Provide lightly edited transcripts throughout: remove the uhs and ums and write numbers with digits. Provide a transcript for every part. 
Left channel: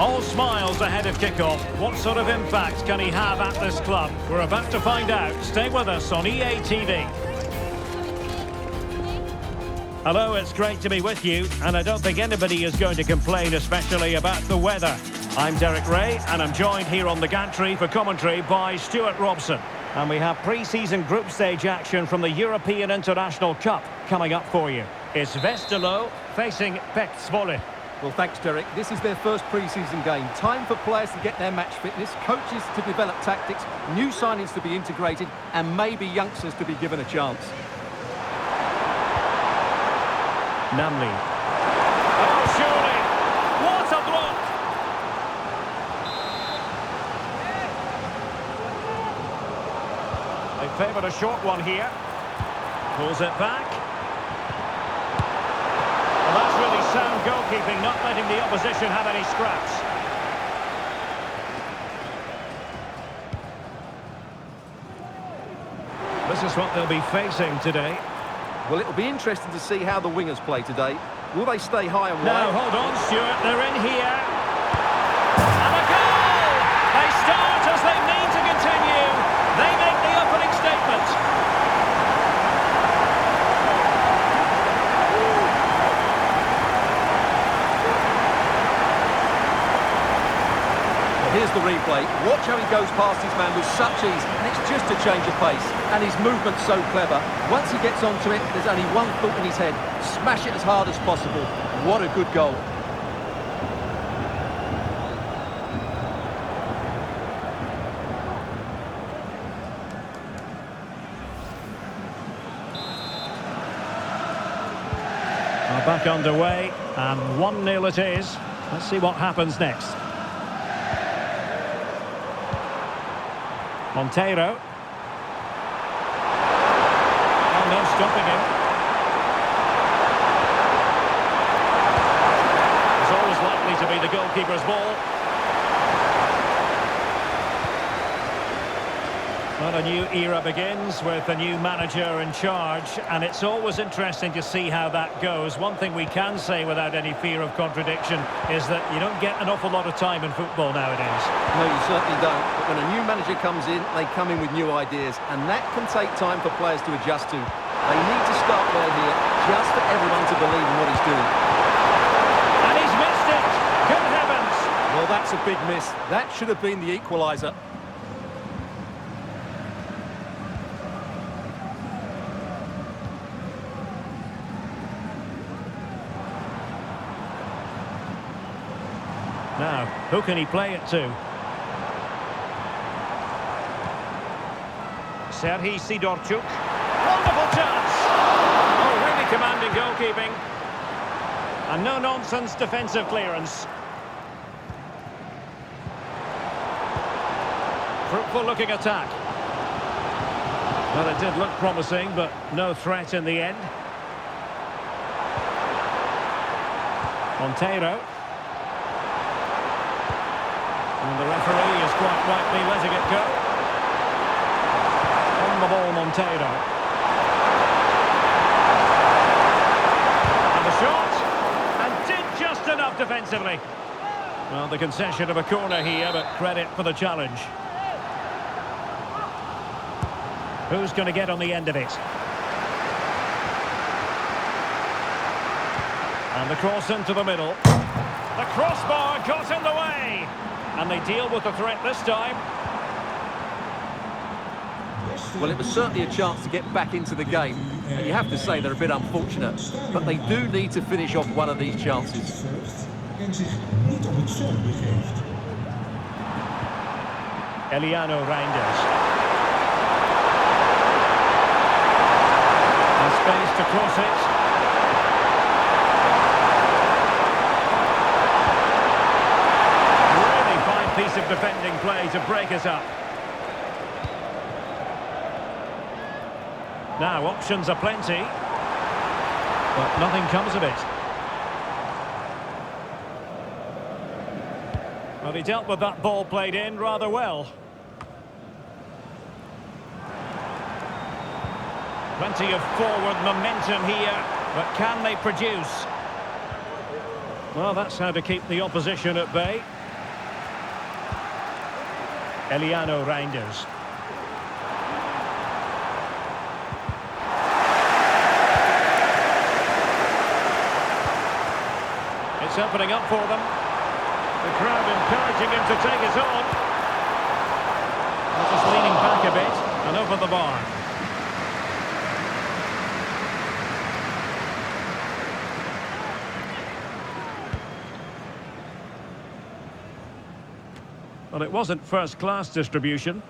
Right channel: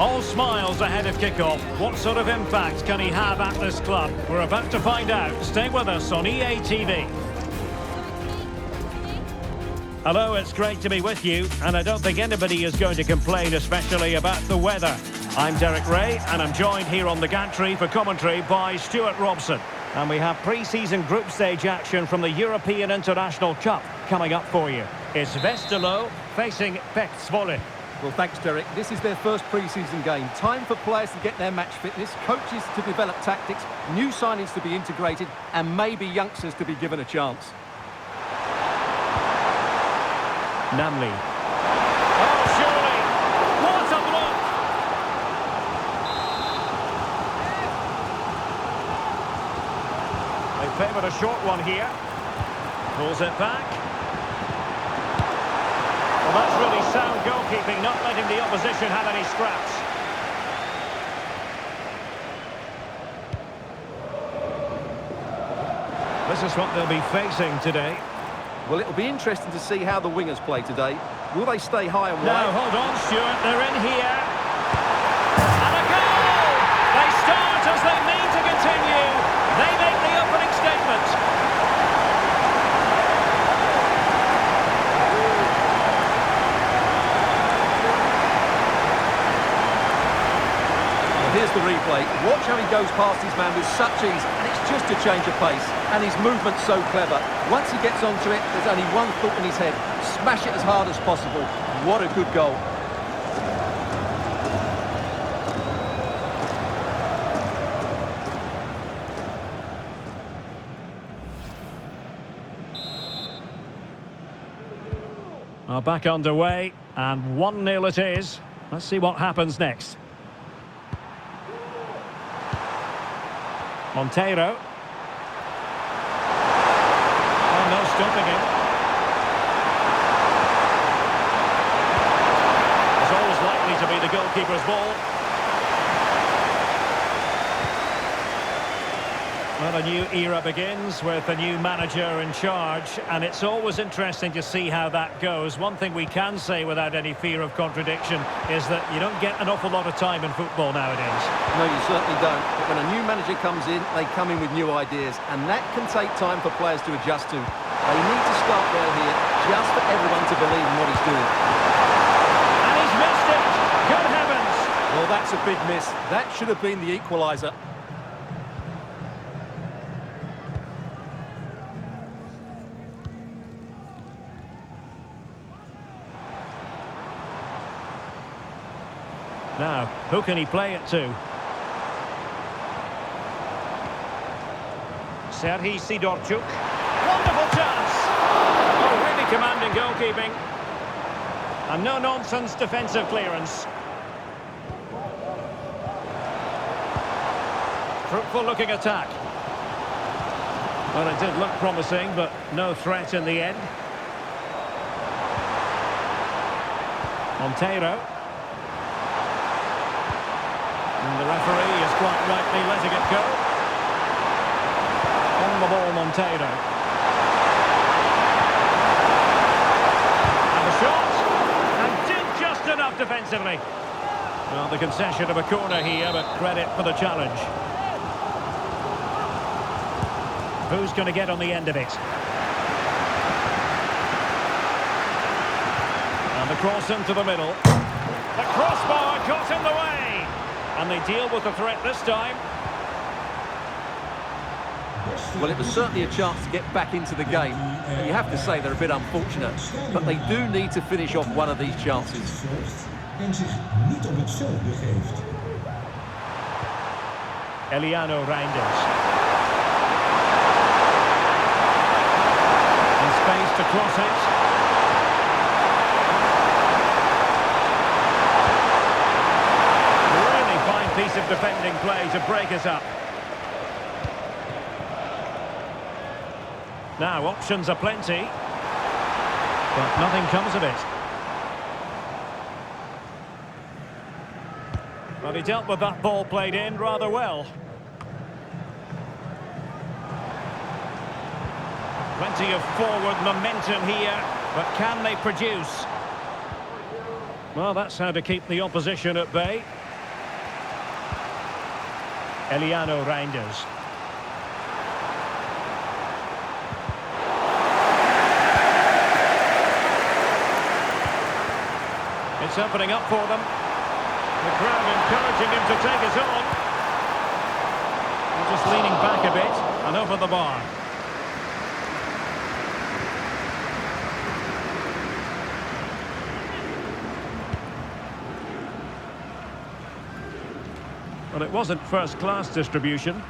All smiles ahead of kickoff. What sort of impact can he have at this club? We're about to find out. Stay with us on EA TV. Hello, it's great to be with you, and I don't think anybody is going to complain, especially about the weather. I'm Derek Ray, and I'm joined here on the gantry for commentary by Stuart Robson. And we have pre-season group stage action from the European International Cup coming up for you. It's Westerlo facing PEC Zwolle. Well, thanks, Derek. This is their first pre-season game. Time for players to get their match fitness, coaches to develop tactics, new signings to be integrated, and maybe youngsters to be given a chance. Namli. Oh, surely! What a block! They favoured a short one here. Pulls it back. Well, that's really sound goalkeeping, not letting the opposition have any scraps. This is what they'll be facing today. Well, it'll be interesting to see how the wingers play today. Will they stay high and wide? Now, hold on, Stuart, they're in here. And a goal! They start as they mean to continue. They make the opening statement. Here's the replay. Watch how he goes past his man with such ease, and it's just a change of pace. And his movement's so clever. Once he gets onto it, there's only one thought in his head. Smash it as hard as possible. What a good goal. Back underway, and 1-0 it is. Let's see what happens next. Monteiro. Oh, no stopping him. It's always likely to be the goalkeeper's ball. Well, a new era begins with a new manager in charge, and it's always interesting to see how that goes. One thing we can say without any fear of contradiction is that you don't get an awful lot of time in football nowadays. No, you certainly don't. But when a new manager comes in, they come in with new ideas, and that can take time for players to adjust to. They need to start well here, just for everyone to believe in what he's doing. And he's missed it! Good heavens! Well, that's a big miss. That should have been the equaliser. Now, who can he play it to? Serhii Sidorchuk. Wonderful chance! Oh, really commanding goalkeeping. And no-nonsense defensive clearance. Fruitful-looking attack. Well, it did look promising, but no threat in the end. Monteiro. And the referee is quite rightly letting it go. On the ball, Monteiro. And the shot. And did just enough defensively. Well, the concession of a corner here, but credit for the challenge. Who's going to get on the end of it? And the cross into the middle. The crossbar got in the way. And they deal with the threat this time. Well, it was certainly a chance to get back into the game. And you have to say they're a bit unfortunate. But they do need to finish off one of these chances. Eliano Reinders. And space to cross it. Piece of defending play to break us up. Now, options are plenty, but nothing comes of it. Well, he dealt with that ball played in rather well. Plenty of forward momentum here, but can they produce? Well, that's how to keep the opposition at bay. Eliano Reinders. It's opening up for them. The crowd encouraging him to take it on. Well, just leaning back a bit and over the bar. Well, it wasn't first-class distribution.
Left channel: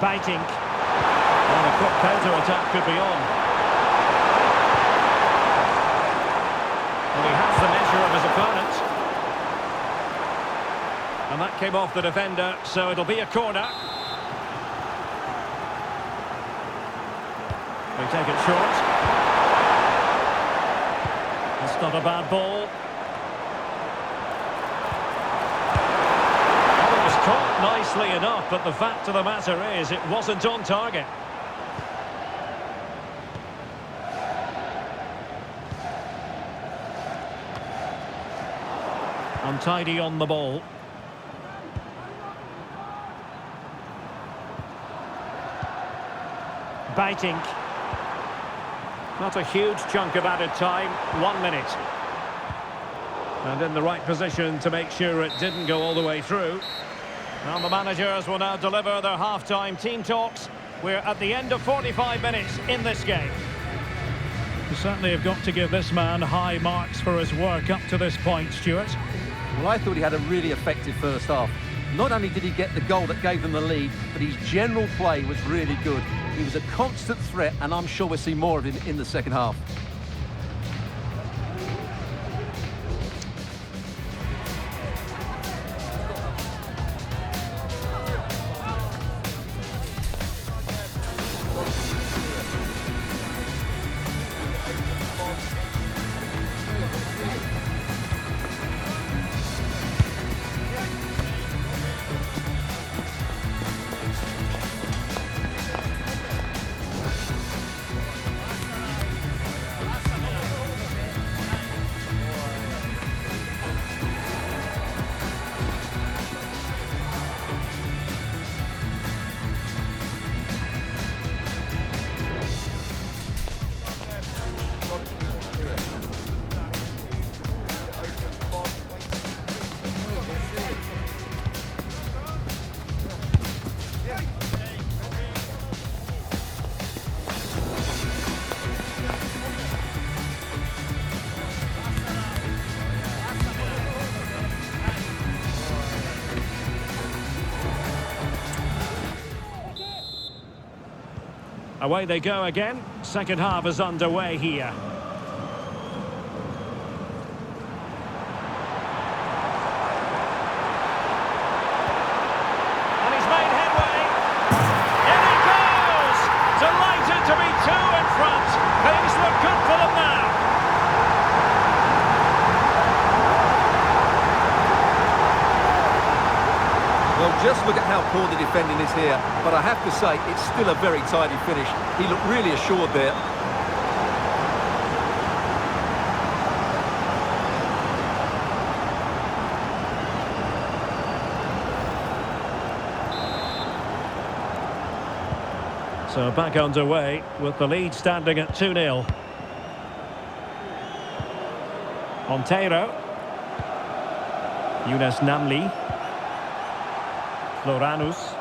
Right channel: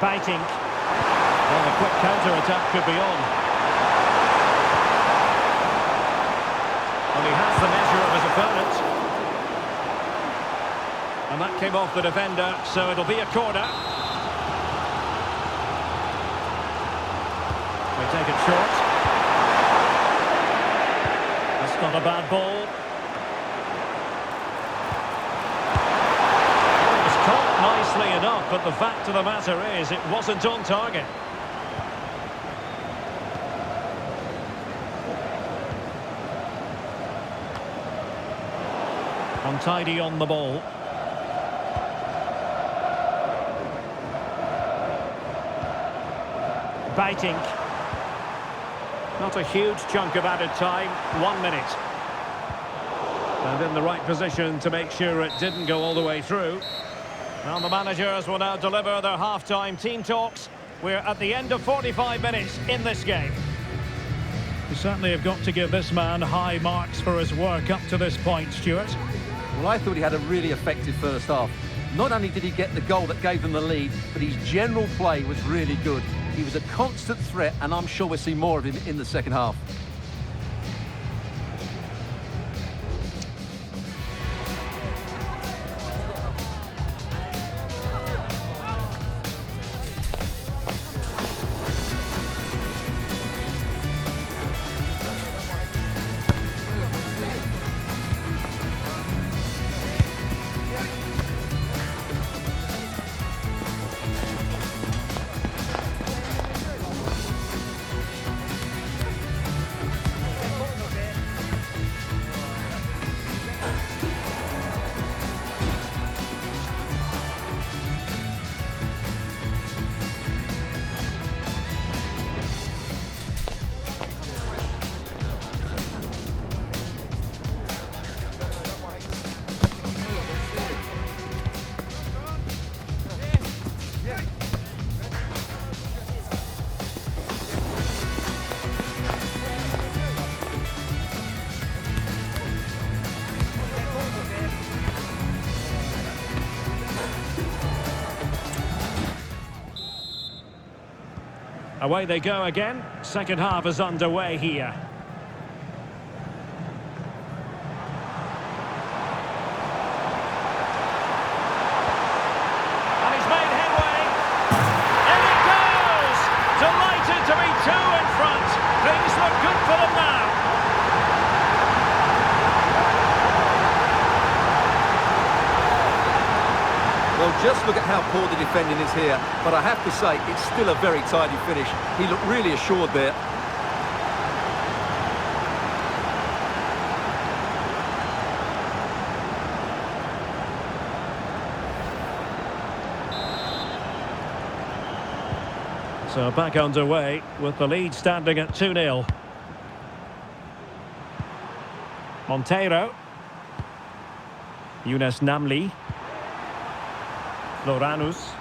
Biting. And a quick counter-attack could be on. Well, he has the measure of his opponent. And that came off the defender, so it'll be a corner. We take it short. That's not a bad ball. Well, it was caught nicely enough, but the fact of the matter is it wasn't on target. Untidy on the ball. Biting. Not a huge chunk of added time, 1 minute. And in the right position to make sure it didn't go all the way through. Well, the managers will now deliver their half-time team talks. We're at the end of 45 minutes in this game. You certainly have got to give this man high marks for his work up to this point, Stuart. Well, I thought he had a really effective first half. Not only did he get the goal that gave them the lead, but his general play was really good. He was a constant threat, and I'm sure we'll see more of him in the second half. Away they go again. Second half is underway here. And he's made headway. In he goes! Delighted to be two in front. Things look good for them now. Well, just look at how poor the defending is here, but I have to say, it's still a very tidy finish. He looked really assured there. So back underway with the lead standing at 2-0. Monteiro. Younes Namli. Loranus.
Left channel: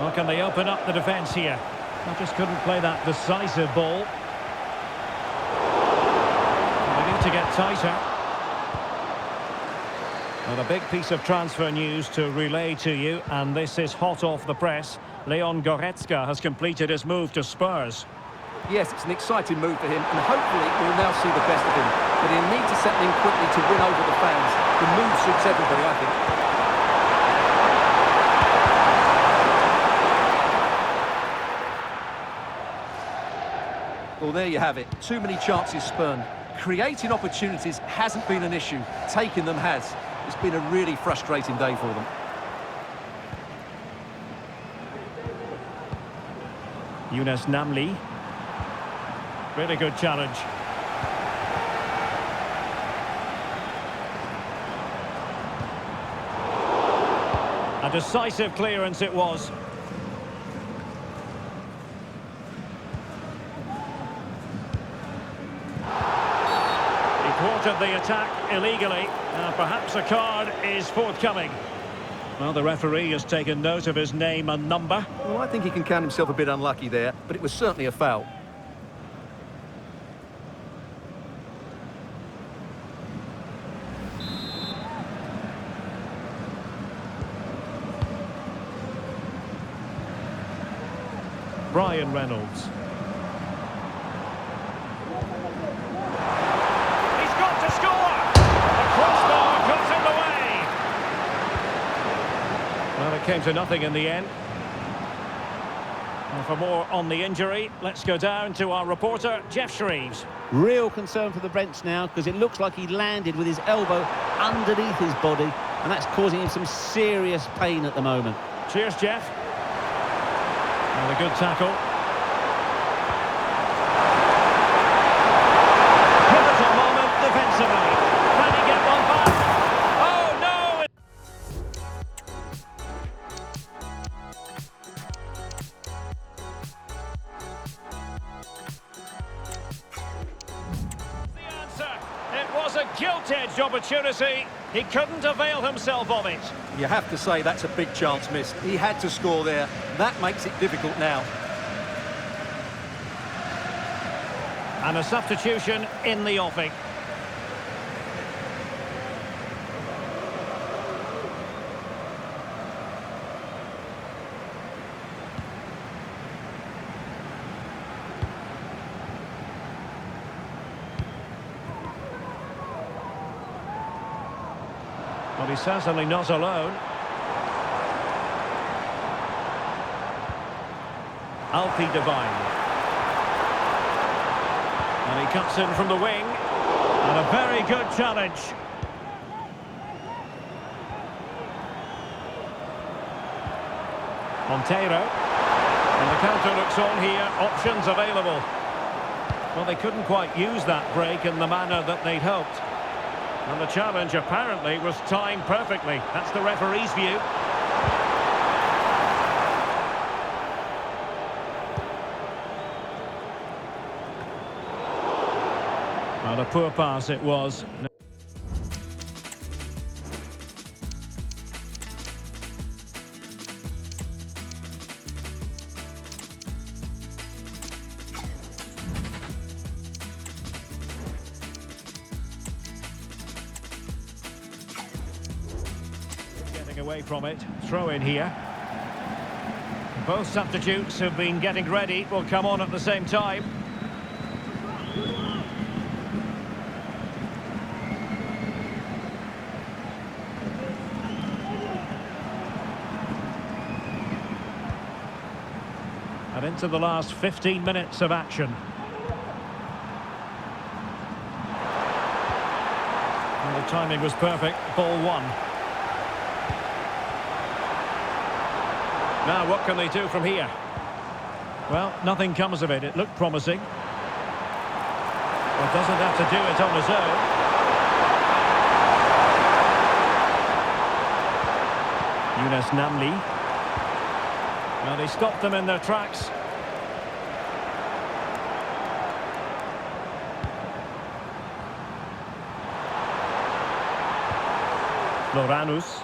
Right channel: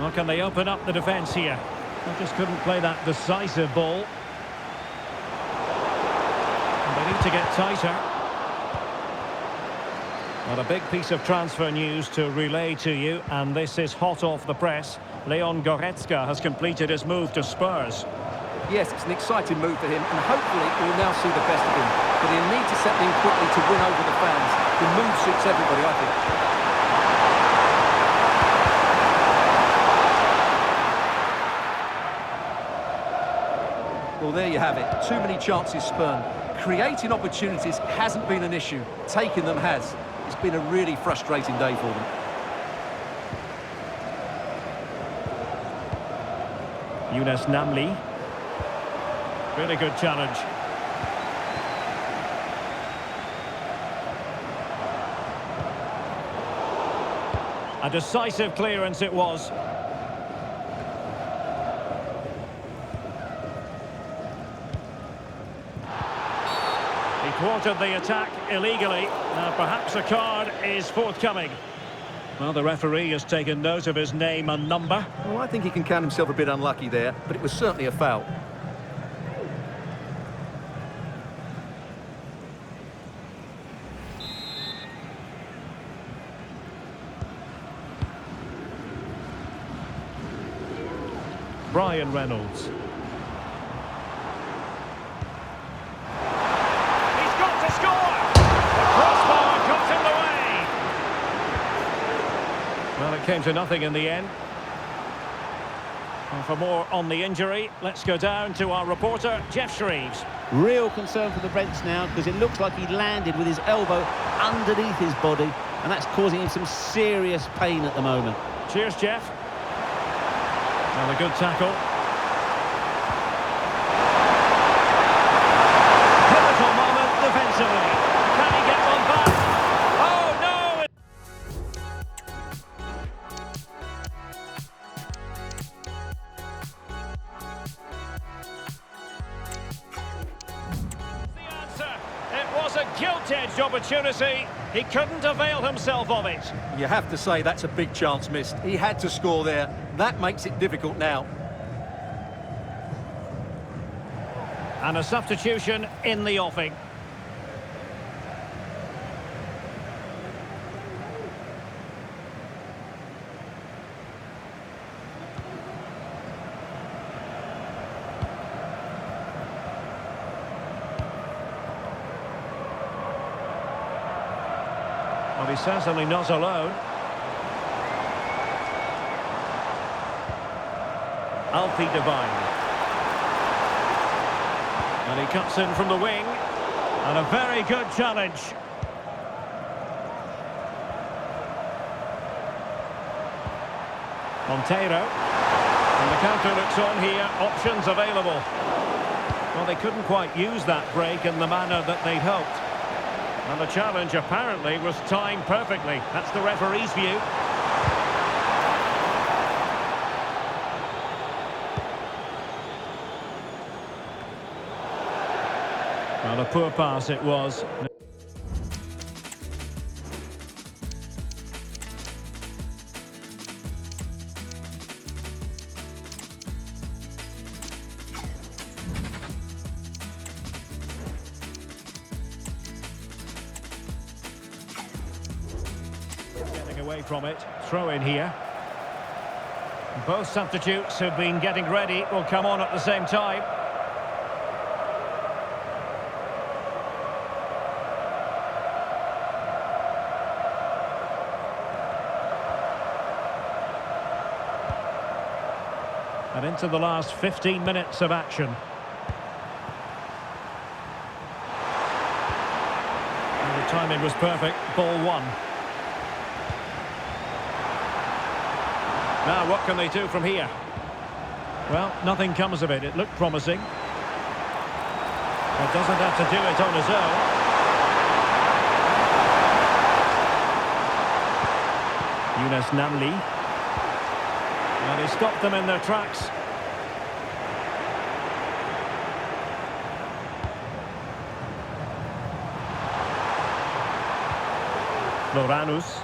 Well, can they open up the defence here? They just couldn't play that decisive ball. And they need to get tighter. Well, a big piece of transfer news to relay to you, and this is hot off the press. Leon Goretzka has completed his move to Spurs. Yes, it's an exciting move for him, and hopefully we'll now see the best of him. But he'll need to settle in quickly to win over the fans. The move suits everybody, I think. Well, there you have it. Too many chances spurned. Creating opportunities hasn't been an issue. Taking them has. It's been a really frustrating day for them. Namli. Really good challenge. A decisive clearance it was. He thwarted the attack illegally. Perhaps a card is forthcoming. Well, the referee has taken note of his name and number. Well, I think he can count himself a bit unlucky there, but it was certainly a foul. Brian Reynolds. He's got to score! The crossbar got in the way! Well, it came to nothing in the end. Well, for more on the injury, let's go down to our reporter, Jeff Shreves. Real concern for the Brents now, because it looks like he landed with his elbow underneath his body, and that's causing him some serious pain at the moment. Cheers, Jeff. And a good tackle. Pivotal moment defensively. Can he get one back? Oh, no! The answer. It was a gilt-edged opportunity. He couldn't avail himself of it. You have to say that's a big chance missed. He had to score there. That makes it difficult now. And a substitution in the offing. Well, he's certainly not alone. Alfie Devine. And he cuts in from the wing. And a very good challenge. Monteiro. And the counter looks on here. Options available. Well, they couldn't quite use that break in the manner that they'd hoped. And the challenge apparently was timed perfectly. That's the referee's view. Well, a poor pass it was. Getting away from it. Throw in here. Both substitutes have been getting ready. Will come on at the same time. And into the last 15 minutes of action. And the timing was perfect. Ball one. Now, what can they do from here? Well, nothing comes of it. It looked promising. But doesn't have to do it on his own. Namli. Well, they stopped them in their tracks. Floranus.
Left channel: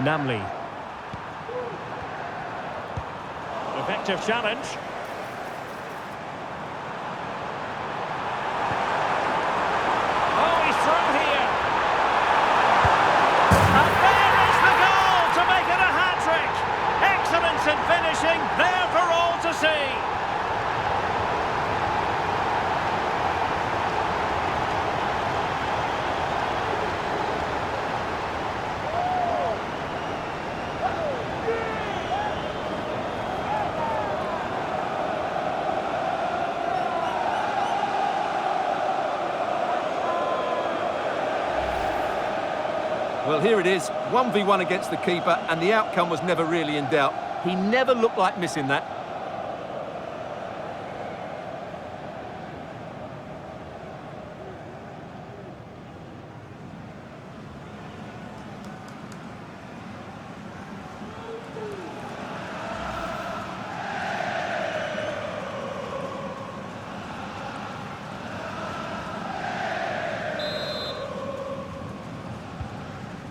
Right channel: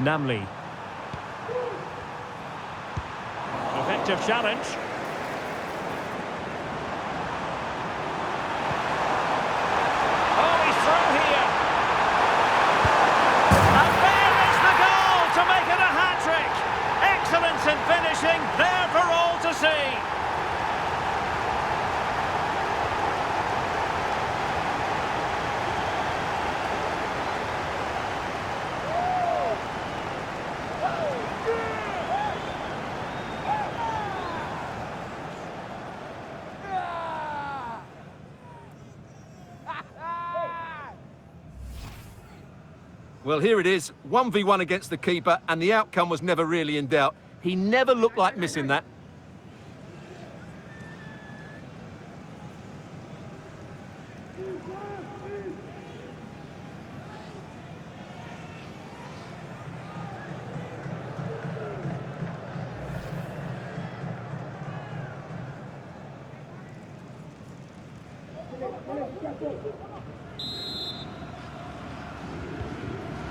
Namli. Effective challenge. Oh, he's through here. And there is the goal to make it a hat-trick. Excellence in finishing, there for all to see. Well, here it is, 1v1 against the keeper, and the outcome was never really in doubt. He never looked like missing that.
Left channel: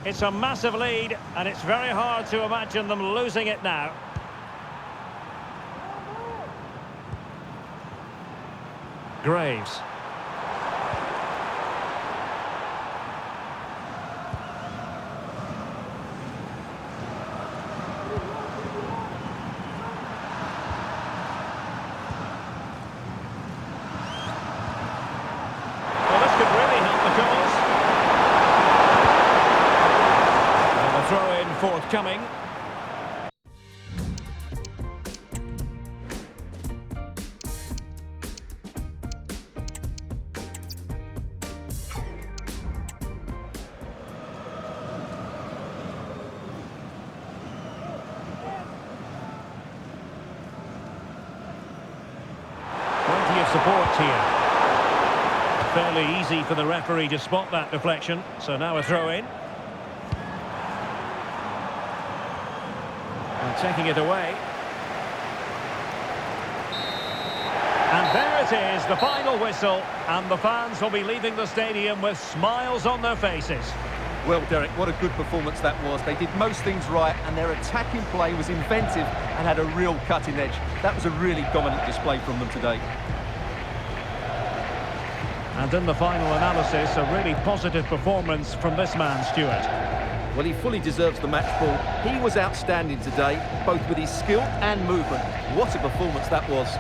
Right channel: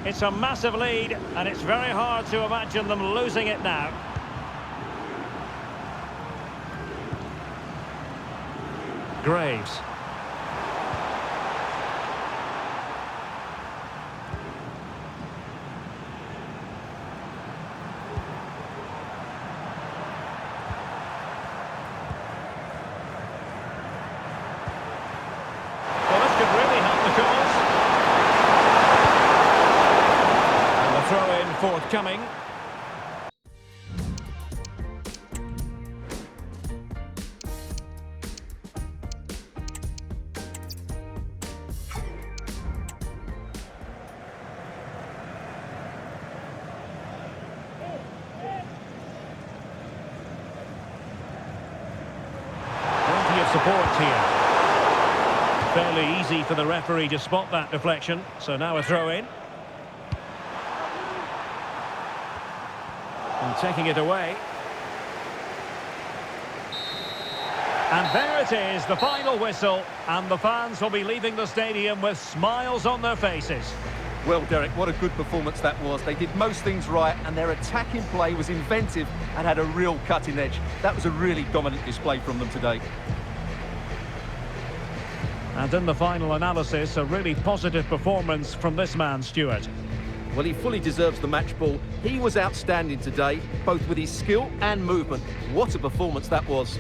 It's a massive lead, and it's very hard to imagine them losing it now. Graves. Well, this could really help the cause. Throw-in forthcoming. Plenty of support here. Fairly easy for the referee to spot that deflection. So now a throw-in. And taking it away. And there it is, the final whistle. And the fans will be leaving the stadium with smiles on their faces. Well, Derek, what a good performance that was. They did most things right, and their attacking play was inventive and had a real cutting edge. That was a really dominant display from them today. And in the final analysis, a really positive performance from this man, Stuart. Well, he fully deserves the match ball. He was outstanding today, both with his skill and movement. What a performance that was.